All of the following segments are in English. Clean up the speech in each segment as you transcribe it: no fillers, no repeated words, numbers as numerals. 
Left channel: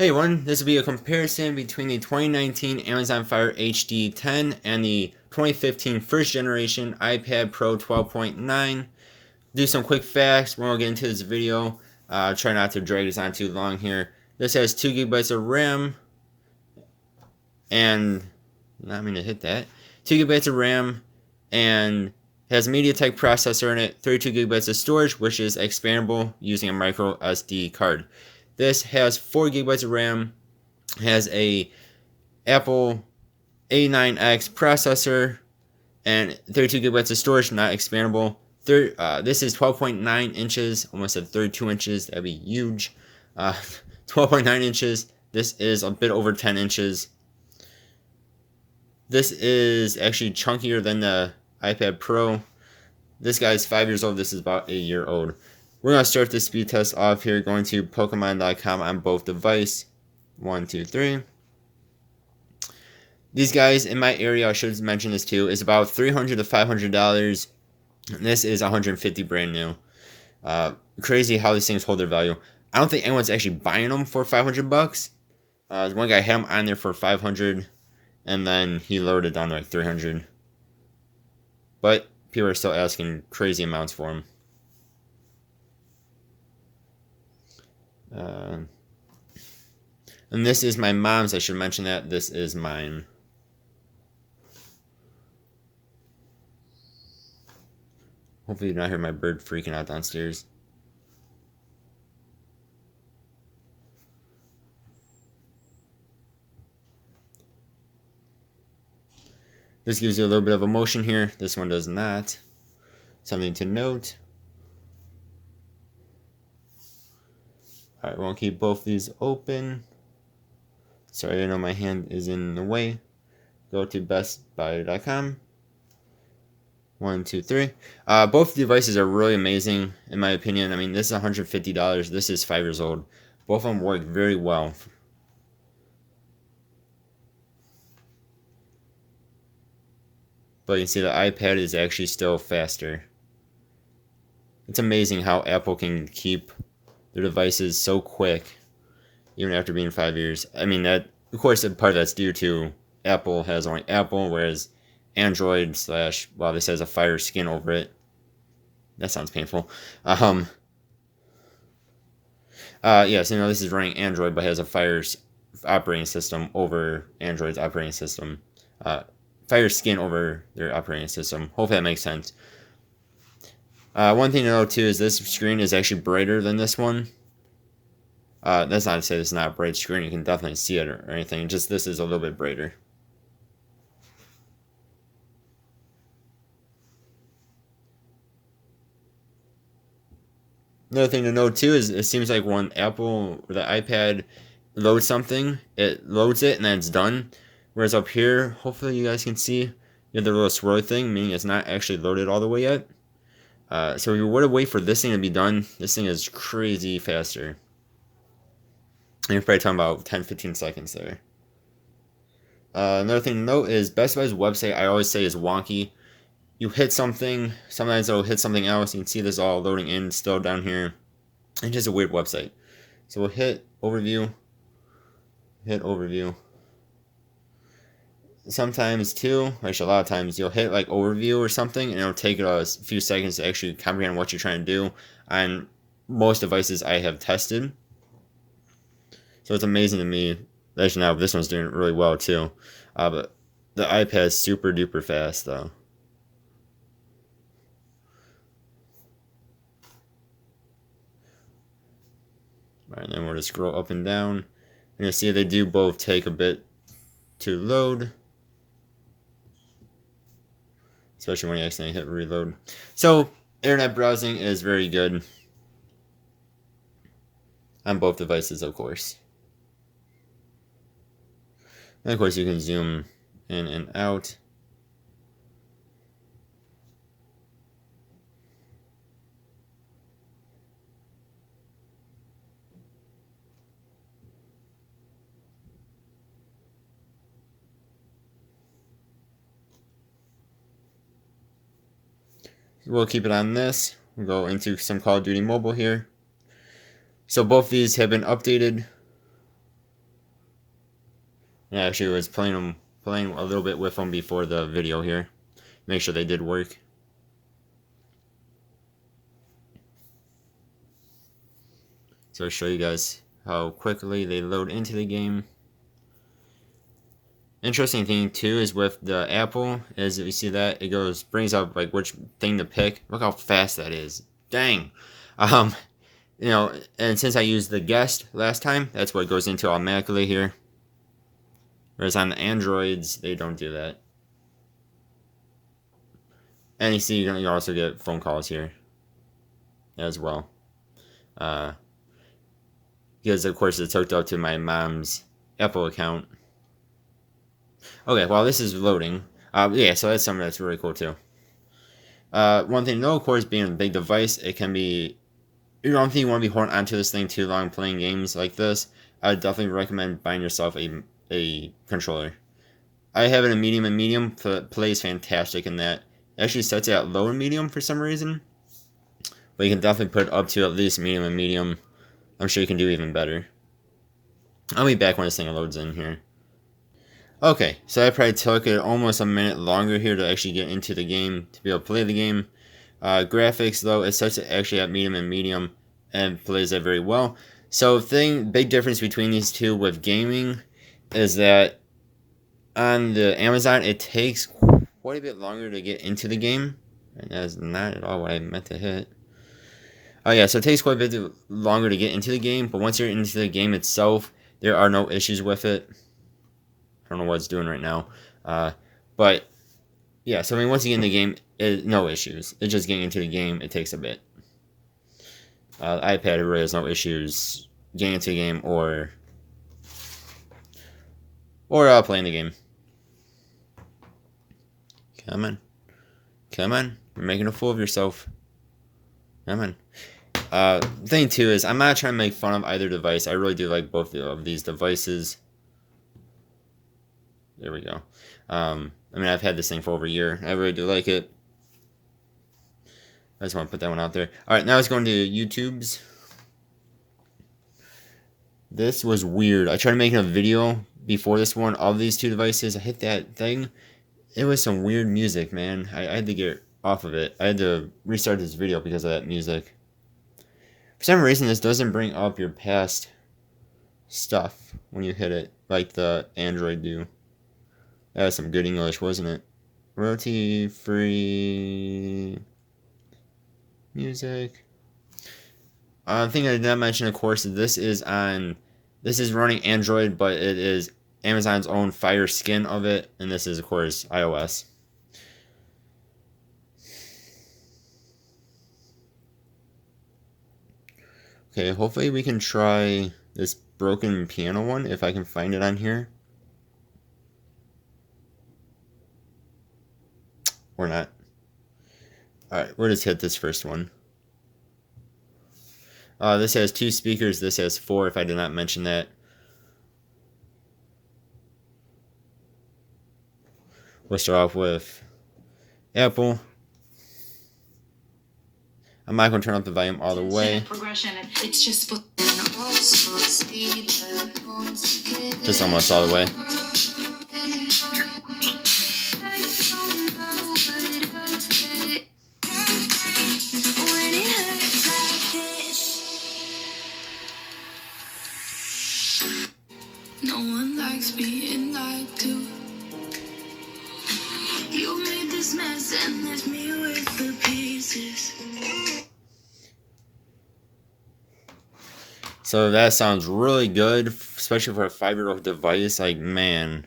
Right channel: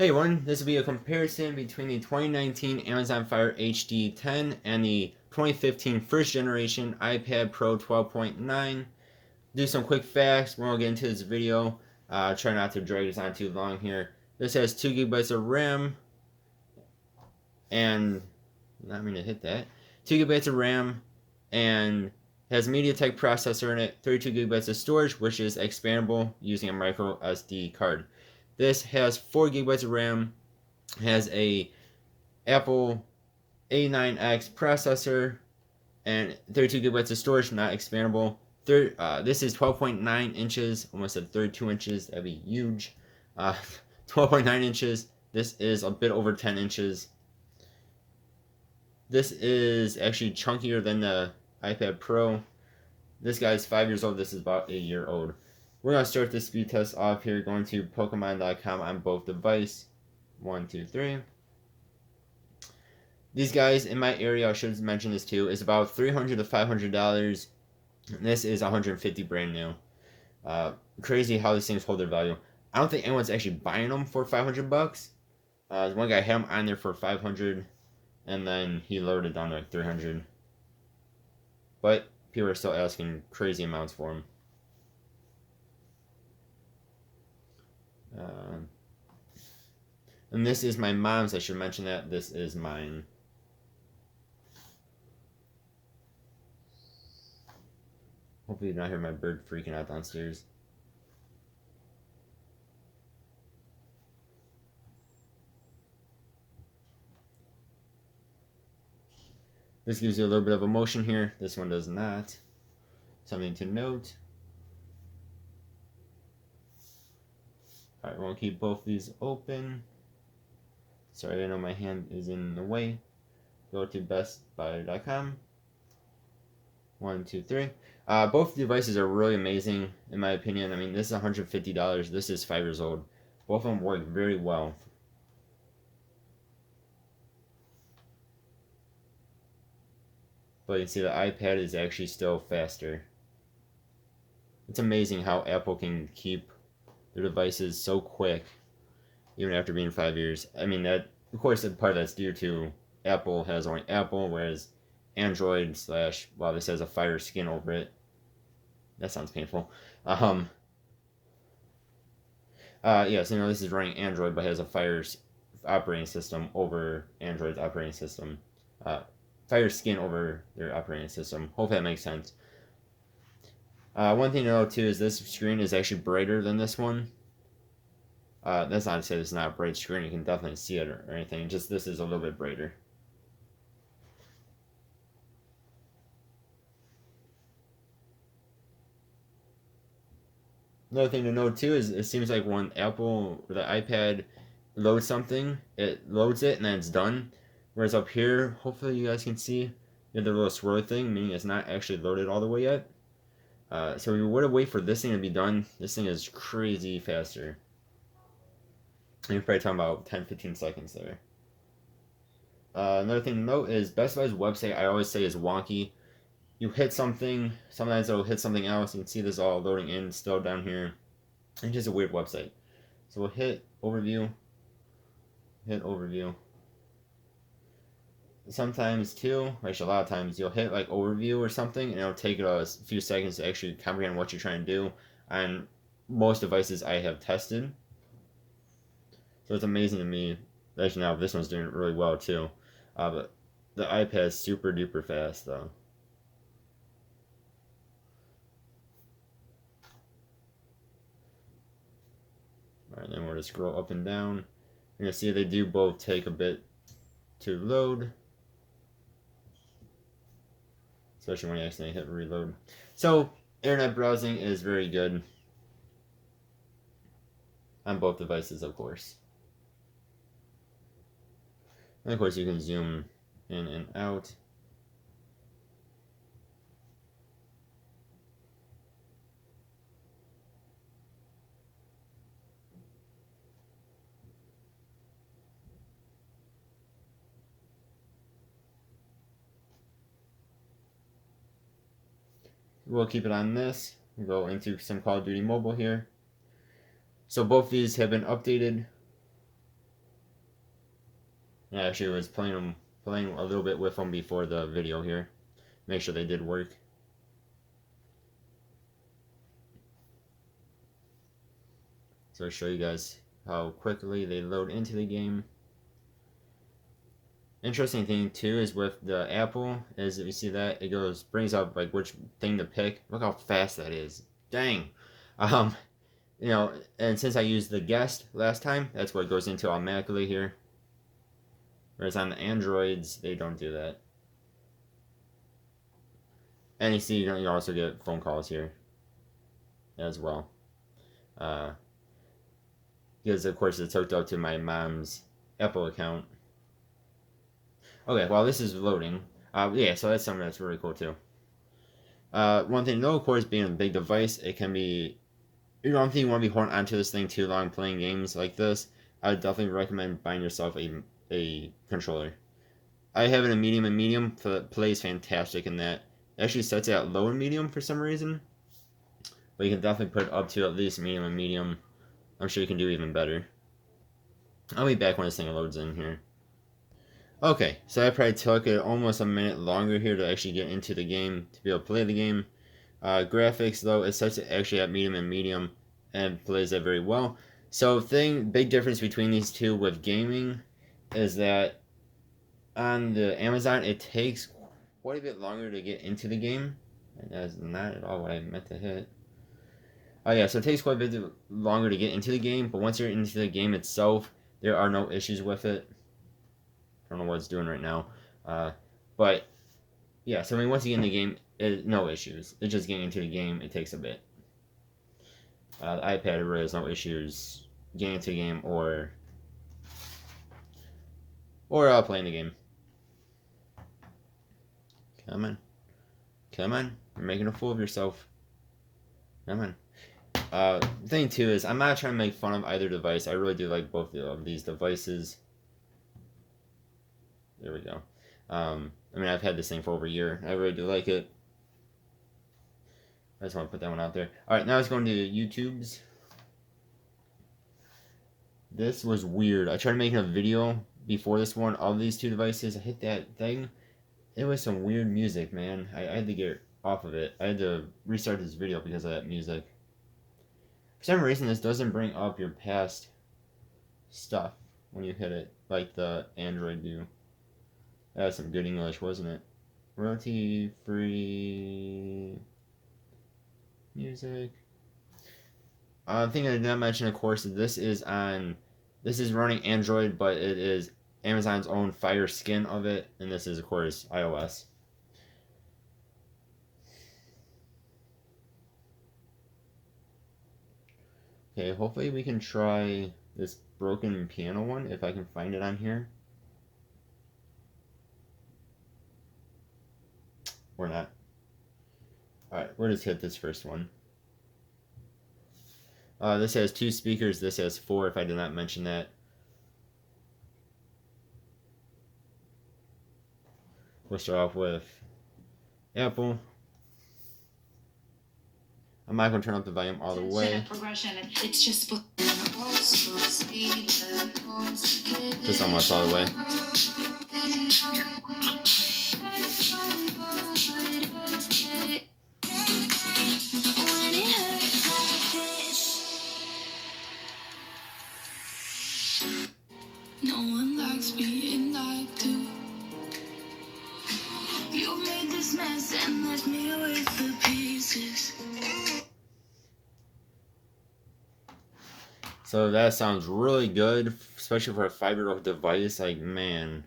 Hey everyone, this will be a comparison between the 2019 Amazon Fire HD10 and the 2015 first generation iPad Pro 12.9. Do some quick facts when we'll get into this video. Try not to drag this on too long here. This has 2 gigabytes of RAM and not mean to hit that. 2 gigabytes of RAM and has MediaTek processor in it, 32 gigabytes of storage, which is expandable using a micro SD card. This has 4 gigabytes of RAM, has a Apple A9X processor, and 32 gigabytes of storage, not expandable. This is 12.9 inches, almost at 32 inches. That'd be huge. 12.9 inches. This is a bit over 10 inches. This is actually chunkier than the iPad Pro. This guy's 5 years old. This is about a year old. We're going to start the speed test off here, going to Pokemon.com on both devices. 1, 2, 3. These guys in my area, I should mention this too, is about $300 to $500. This is $150 brand new. Crazy how these things hold their value. I don't think anyone's actually buying them for $500. One guy had them on there for $500, and then he lowered it down to like $300. But people are still asking crazy amounts for them. And this is my mom's. I should mention that. This is mine. Hopefully you don't hear my bird freaking out downstairs. This gives you a little bit of emotion here. This one does not. Something to note. Alright, we'll keep both these open. Sorry, I know my hand is in the way. Go to bestbuy.com. 1, 2, 3. Both devices are really amazing, in my opinion. I mean, this is $150. This is 5 years old. Both of them work very well. But you can see the iPad is actually still faster. It's amazing how Apple can keep their devices so quick, even after being 5 years. I mean, that, of course, part of that's due to Apple has only Apple, whereas Android / well, this has a Fire skin over it. That sounds painful. Yes, this is running Android, but has a Fire operating system over Android's operating system. Fire skin over their operating system. Hopefully that makes sense. One thing to note too is this screen is actually brighter than this one. That's not to say this is not a bright screen. You can definitely see it or anything. Just this is a little bit brighter. Another thing to note too is it seems like when Apple or the iPad loads something, it loads it and then it's done. Whereas up here, hopefully you guys can see, you have the little swirl thing, meaning it's not actually loaded all the way yet. So if you were to wait for this thing to be done, this thing is crazy faster. And you're probably talking about 10-15 seconds there. Another thing to note is Best Buy's website, I always say, is wonky. You hit something, sometimes it'll hit something else. You can see this all loading in still down here. It's just a weird website. So we'll hit overview. Hit overview. Sometimes too, actually a lot of times, you'll hit like overview or something and it'll take a few seconds to actually comprehend what you're trying to do on most devices I have tested. So it's amazing to me. Actually now this one's doing really well too. But the iPad is super duper fast though. Alright, and then we'll just scroll up and down. And you'll see they do both take a bit to load. Especially when you accidentally hit reload. So, internet browsing is very good. On both devices, of course. And of course, you can zoom in and out. We'll keep it on this. We'll go into some Call of Duty Mobile here. So both these have been updated. Yeah, actually was playing a little bit with them before the video here. Make sure they did work. So I'll show you guys how quickly they load into the game. Interesting thing too is with the Apple is if you see that it brings up like which thing to pick. Look how fast that is. Dang. Um, you know, and since I used the guest last time, that's what goes into automatically here. Whereas on the Androids, they don't do that. And you see, you also get phone calls here as well. Because of course it's hooked up to my mom's Apple account. Okay, while this is loading, yeah, so that's something that's really cool too. One thing though, of course, being a big device, it can be, you don't think you want to be holding onto this thing too long playing games like this. I would definitely recommend buying yourself a controller. I have it in medium, and medium plays fantastic in that. It actually sets it at low and medium for some reason, but you can definitely put it up to at least medium and medium. I'm sure you can do even better. I'll be back when this thing loads in here. Okay, so I probably took it almost a minute longer here to actually get into the game, to be able to play the game. Graphics, though, it sets it actually at medium and medium, and plays it very well. So big difference between these two with gaming is that on the Amazon, it takes quite a bit longer to get into the game. And that's not at all what I meant to hit. Oh yeah, so it takes quite a bit longer to get into the game, but once you're into the game itself, there are no issues with it. I don't know what it's doing right now. But yeah, so I mean, once you get in the game, no issues. It's just getting into the game. It takes a bit. The iPad really has no issues getting into the game or playing the game. Come on. Come on. You're making a fool of yourself. Come on. Thing too is I'm not trying to make fun of either device. I really do like both of these devices. There we go. I mean, I've had this thing for over a year. I really do like it. I just want to put that one out there. Alright, now it's going to YouTube's. This was weird. I tried making a video before this one of these two devices. I hit that thing. It was some weird music, man. I had to get off of it. I had to restart this video because of that music. For some reason, this doesn't bring up your past stuff when you hit it, like the Android do. That was some good English, wasn't it? Royalty-free music. Thing I did not mention, of course, this is running Android, but it is Amazon's own Fire skin of it, and this is, of course, iOS. Okay, hopefully we can try this broken piano one, if I can find it on here. Or not. Alright, we'll just hit this first one. This has 2 speakers, this has 4, if I did not mention that. We'll start off with Apple. I'm not going to turn up the volume all the way. It's just almost all the way. No one likes being lied to. You made this mess and left me with the pieces. So that sounds really good, especially for a 5-year-old device. Like, man.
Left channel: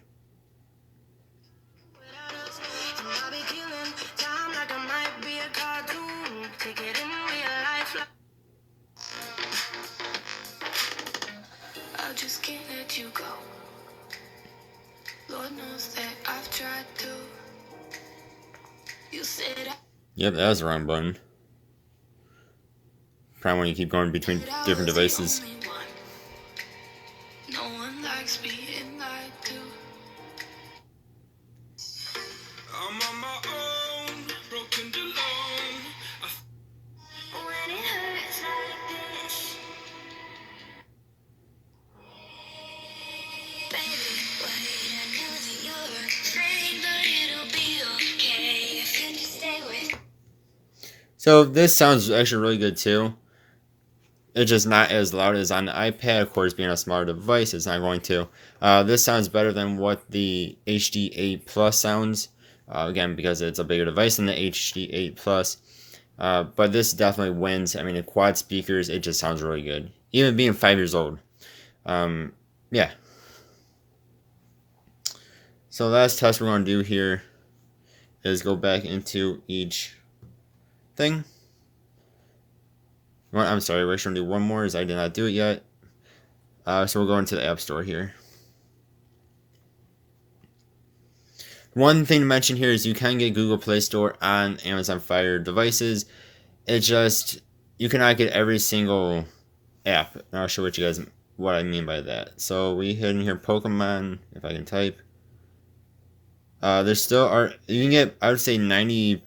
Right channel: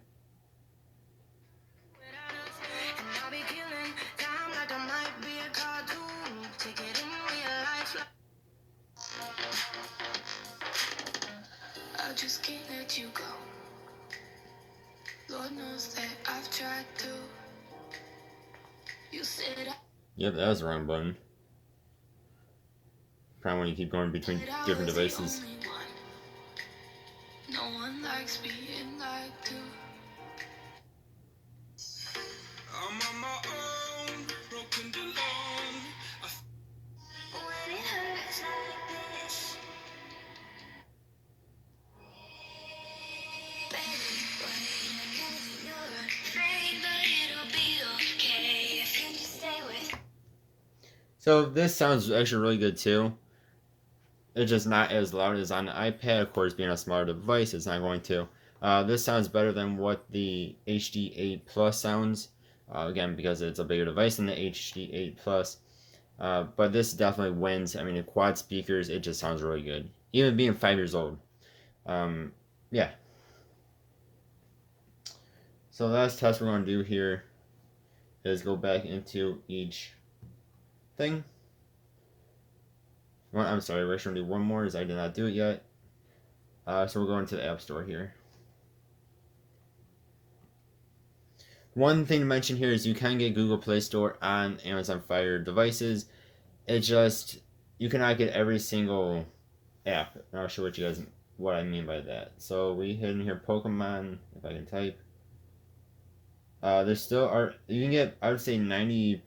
I just can't let you go. Lord knows that I've tried to. You said Yep, that was the wrong button. Probably when you keep going between different devices. No one likes being lied to. I'm on my own, broken alone. When it hurts like this, baby, why So this sounds actually really good too. It's just not as loud as on the iPad. Of course, being a smaller device, it's not going to. This sounds better than what the HD8 Plus sounds. Again, because it's a bigger device than the HD8 Plus. But this definitely wins. I mean, the quad speakers, it just sounds really good. Even being 5 years old. Um, yeah. So the last test we're going to do here is go back into each thing. Well, I'm sorry, we're going to do one more as I did not do it yet. So we'll go into the App Store here. One thing to mention here is you can get Google Play Store on Amazon Fire devices. It just, you cannot get every single app. And I'll show you guys what I mean by that. So we hit in here Pokemon, if I can type. There still are, you can get, I would say 95%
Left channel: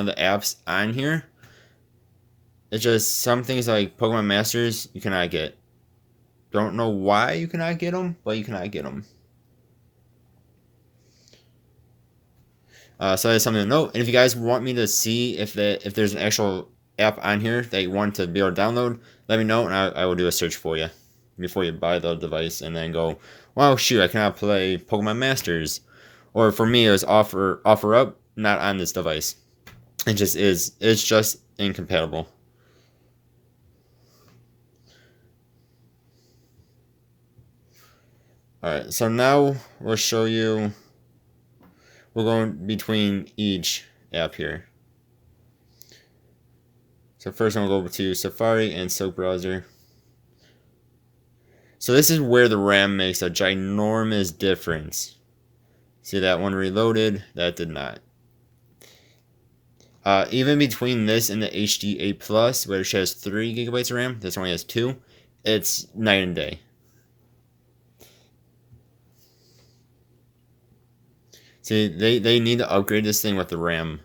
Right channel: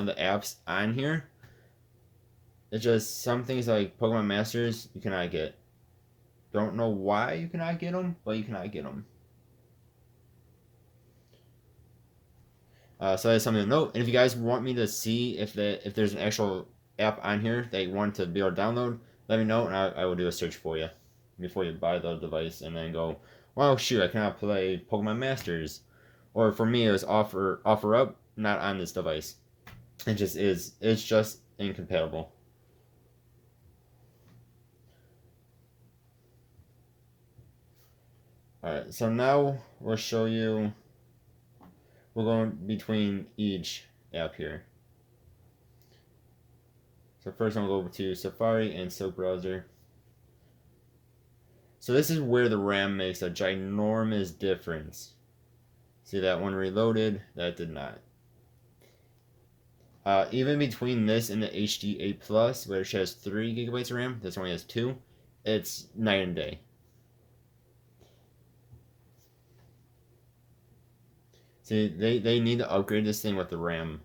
of the apps on here. It's just some things like Pokemon Masters you cannot get. Don't know why you cannot get them, but you cannot get them. So that's something to note. And if you guys want me to see if there's an actual app on here that you want to be able to download, let me know and I will do a search for you before you buy the device and then go, wow, shoot, I cannot play Pokemon Masters. Or for me, it was offer up, not on this device. It just is. It's just incompatible. Alright, so now we'll show you, we're going between each app here. So first I'm going to go to Safari and Silk Browser. So this is where the RAM makes a ginormous difference. See that one reloaded? That did not. Even between this and the HD8 Plus, which has 3 gigabytes of RAM, this only has 2, it's night and day. See, they need to upgrade this thing with the RAM.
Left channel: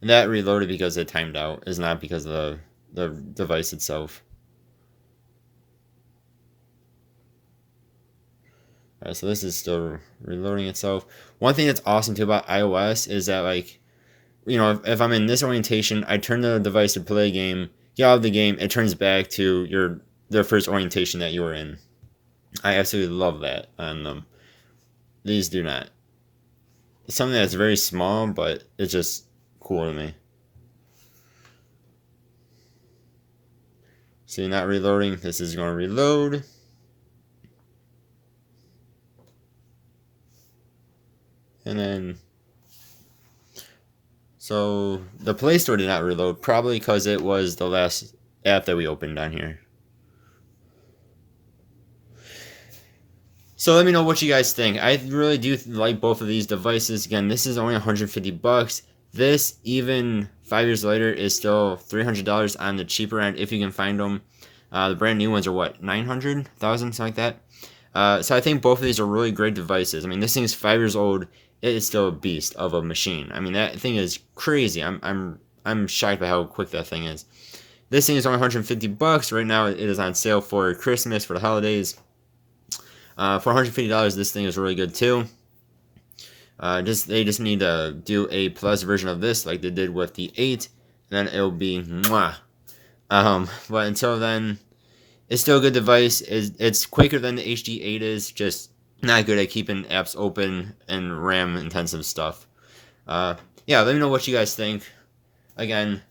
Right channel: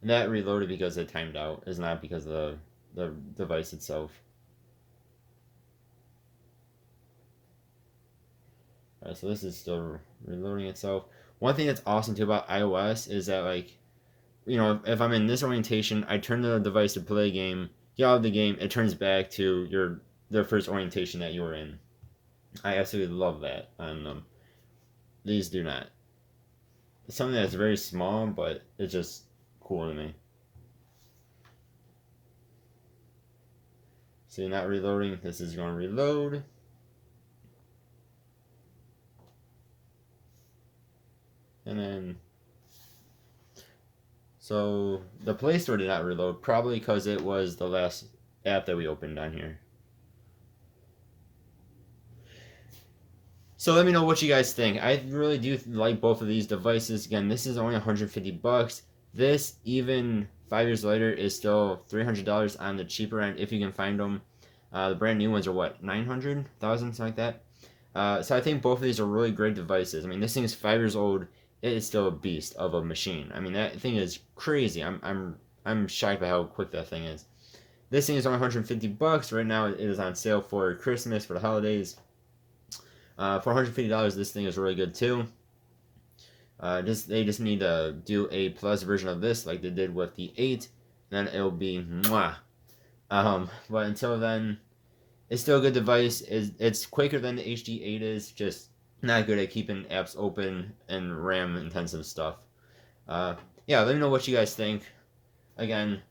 And that reloaded because it timed out, is not because of the device itself. Alright, so this is still reloading itself. One thing that's awesome too about iOS is that, like, you know, if I'm in this orientation, I turn the device to play a game, get out of the game, it turns back to the first orientation that you were in. I absolutely love that on them. These do not. It's something that's very small, but it's just cool to me. See, not reloading. This is going to reload. And then, so the Play Store did not reload, probably because it was the last app that we opened on here. So let me know what you guys think. I really do like both of these devices. Again, this is only $150. This, even 5 years later, is still $300 on the cheaper end if you can find them. The brand new ones are what, 900,000, something like that. So I think both of these are really great devices. I mean, this thing is 5 years old. It is still a beast of a machine. I mean, that thing is crazy. I'm shocked by how quick that thing is. This thing is only $150 right now. It is on sale for Christmas, for the holidays. For $150, this thing is really good too. They just need to do a plus version of this, like they did with the 8, then it'll be mwah. But until then, it's still a good device. It's quicker than the HD8 is, just not good at keeping apps open and RAM intensive stuff. Yeah, let me know what you guys think. Again,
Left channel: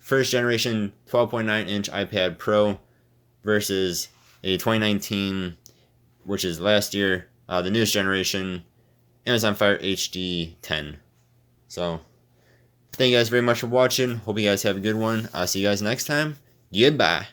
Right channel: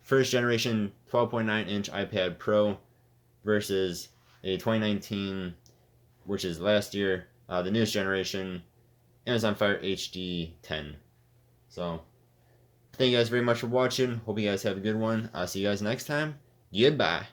first generation 12.9-inch iPad Pro versus a 2019, which is last year, the newest generation, Amazon Fire hd10. So, thank you guys very much for watching. Hope you guys have a good one. I'll see you guys next time. Goodbye.